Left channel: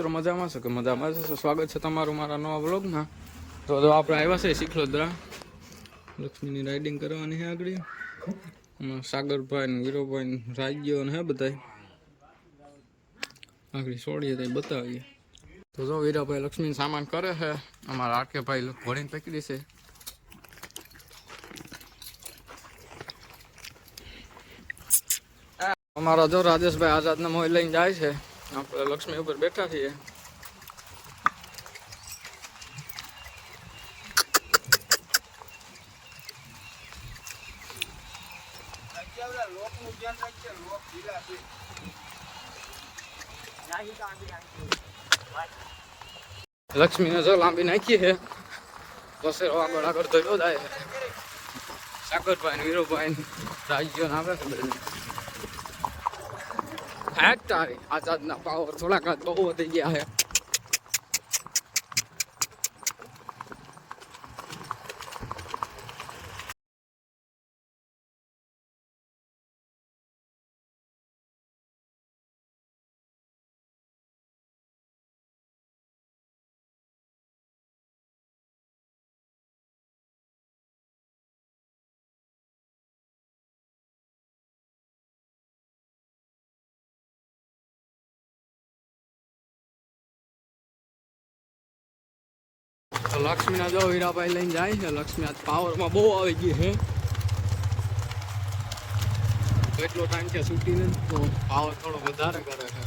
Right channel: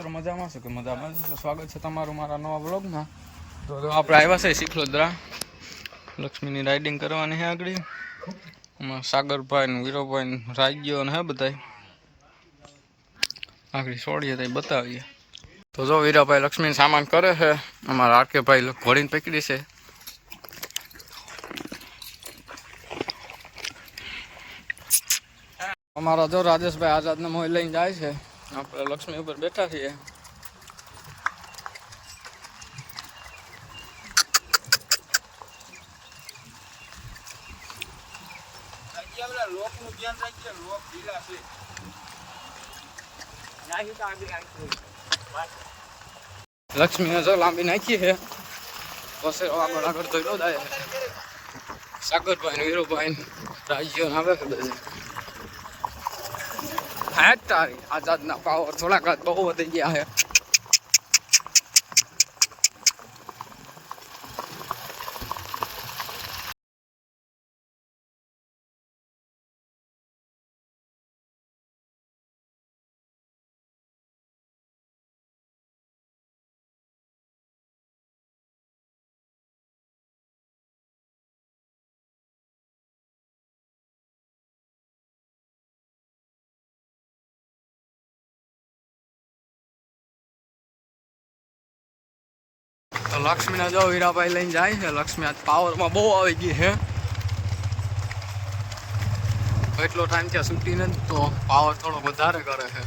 મિત્રો મજામાં છો કે મજામાં છો સ્વાગત છે તમારું મારા નવા વ્લોગમાં તો જો આપણે આવ્યા છે શીખલોદરા લક્ષ્મીની રાઇડિંગ કરવાની છે આગળ એમાં સાગરભાઈ ને વીરોભાઈ ને રાજ્યો ને હે બધા આગળ છોડીએ તો બતાવીએ તો જો વીરાભાઈ લક્ષ્મી સામાન કરે છે અમારા આરકેભાઈ ઘોડીને પકડી છે અમારા જો રાજેશભાઈ આઝાદને મોય લઈને જાય છે यहाँ लक्ष्मी ऊपर बैठा भी है लक्ष्मी ने जो लांबी नाखी है कसे आगे आगे तो योदाय है सागर बहन वीरो बहन राज्य नाम આજ તારી આઝાદના પાવર થોડાક બહુ વધી ગયા છે લક્ષ્મીના જો વીરાભાઈ લઈને જાય છે લક્ષ્મી આજ પાવરમાં બહુ આવી ગઈ છે એટલો ટાઈમ છે છૂટીને તો પાવર થોડો વધારે કરે છે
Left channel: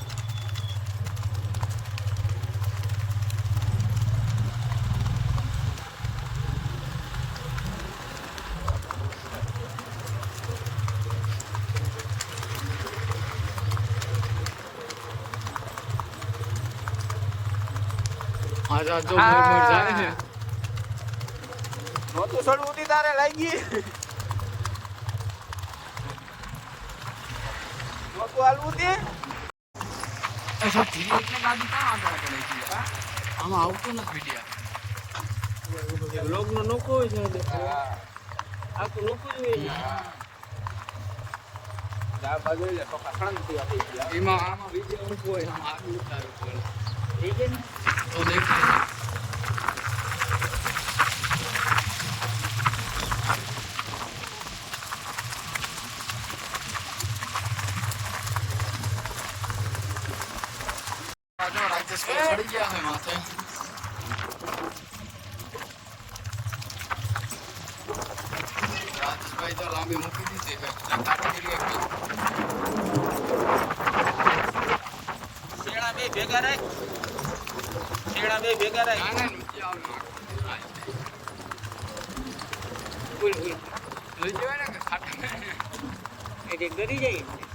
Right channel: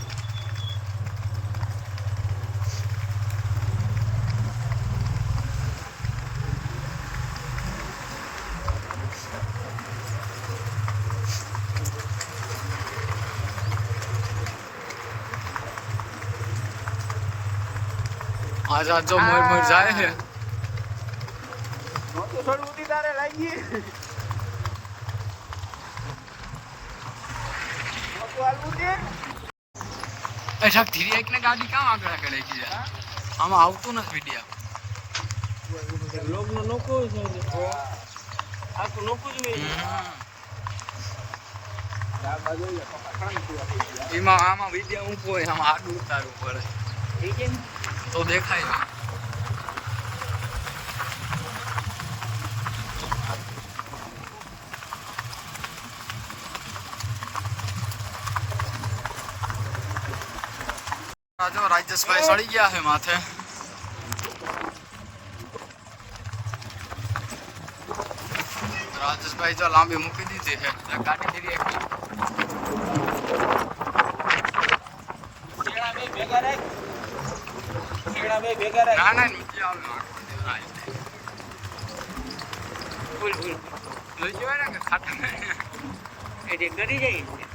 आज आज जो मोर मोर जाए हैं મોતી સોડ ઉડી તારે લાગી મોતું હાલ ઉડી અચ્છા ધીરે એકને ગાડી કામ આગળ કરે છે આમાં આવતું નથી વિડિયા લોગ નો નોકો છે આ તો નોકો જ હોય એમાં આમાં વિદ્યા ઊંઘો હોય આમાં આડું ઉતારવું પડે તો દેખાય જો રાજેશભાઈ સડી ગયા છે માથે રાજેશભાઈ જો લાંબી મૂકી દીધી છે ગાડી કરી એક ભેગા રાખ ભેગા રાખ ના ના નીચે આવ્યો ફૂલ ફૂલ જોઈ જવાના કે ખાતા એટલે ગરી જાય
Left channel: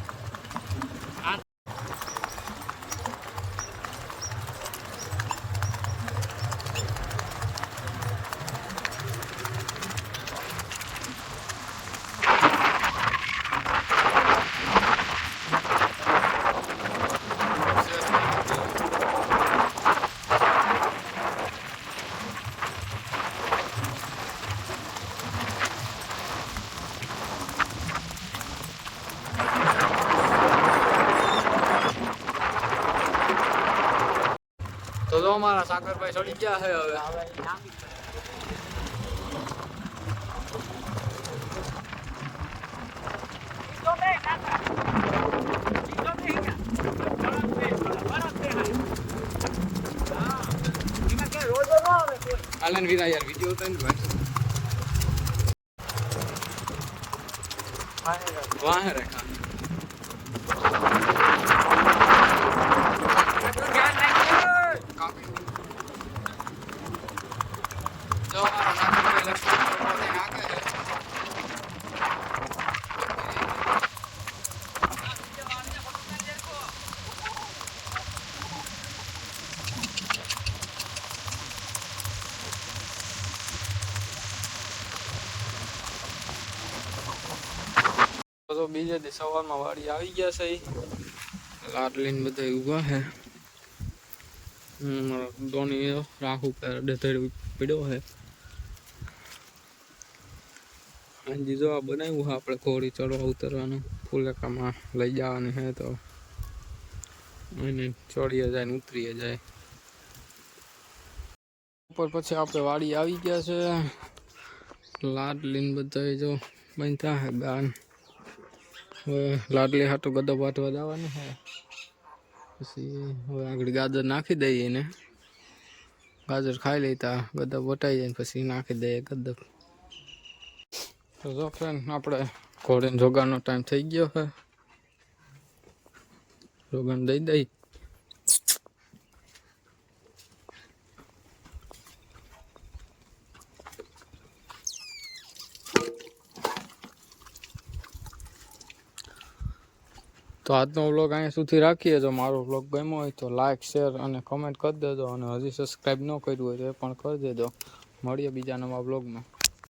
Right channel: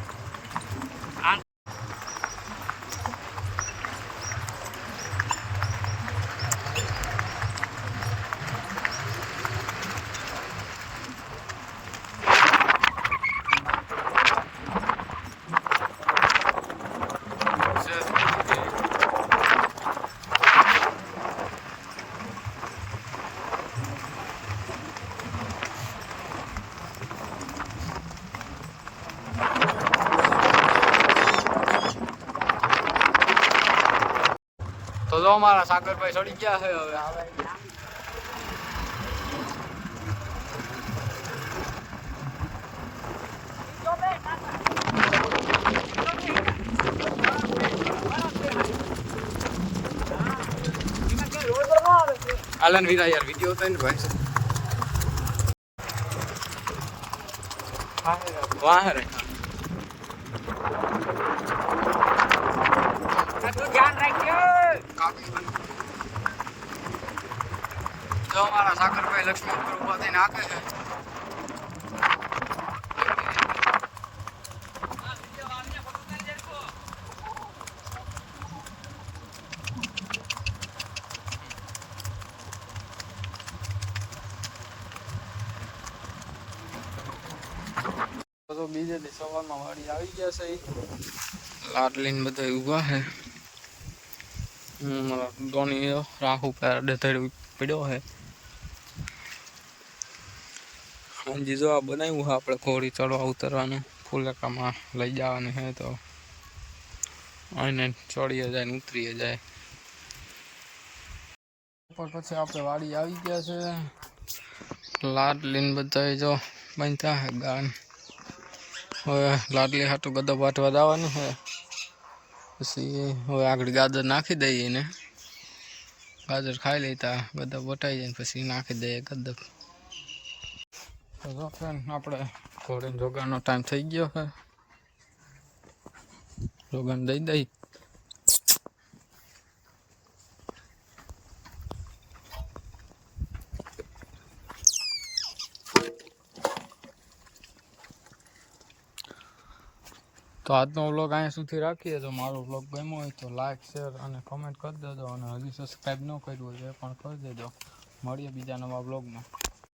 જો મારા સાગરભાઈ ચડી ગયા છે હવે આલન વીરા યાર વિડિયો તો ને ભાઈ વાહ રે કરો પ્રોબ્લેમ ના કે છે તો બીજે દિશામાં વાડી આવી ગયા છે આ લાર્ડ લાઈન બધા ઊભા છે મરો ગણી રાખું પર દેઢું પડ્યો છે અહીં જો આ બનાવ્યું છે આપણે ઘોડી ચડવા ઉતરવાનું ફુલેકા માં લઈ જવાનું છે તો આને છોડીએ જાય ને ઉતરીએ જાય ઉપર પછી આપણે વાડી આવી ગયા છે લાડ લિન બતાજો મંથા ગાન હવે લાડલે હા તો ગદો વાઢવા જવાનું છે પછી હવે આ ગજર નાખી દઈએ એને ગજર ખાઈ લેતા ગદો વટાઈ જાય ને પછી નાખી દઈએ ગદડ તો સપન આપણે થોડી જોગાનો ટાઈમ થઈ ગયો છે રોગન દઈ દઈ તો આજ નો વ્લોગ આયા સુધી રાખીએ જો મારો વ્લોગ ગમ્યો હોય તો લાઈક શેર અને કમેન્ટ કર દેજો અને હજી સબ્સ્ક્રાઇબ ન કર્યો હોય તો પણ કરી દેજો મળ્યો બીજા નવા વ્લોગમાં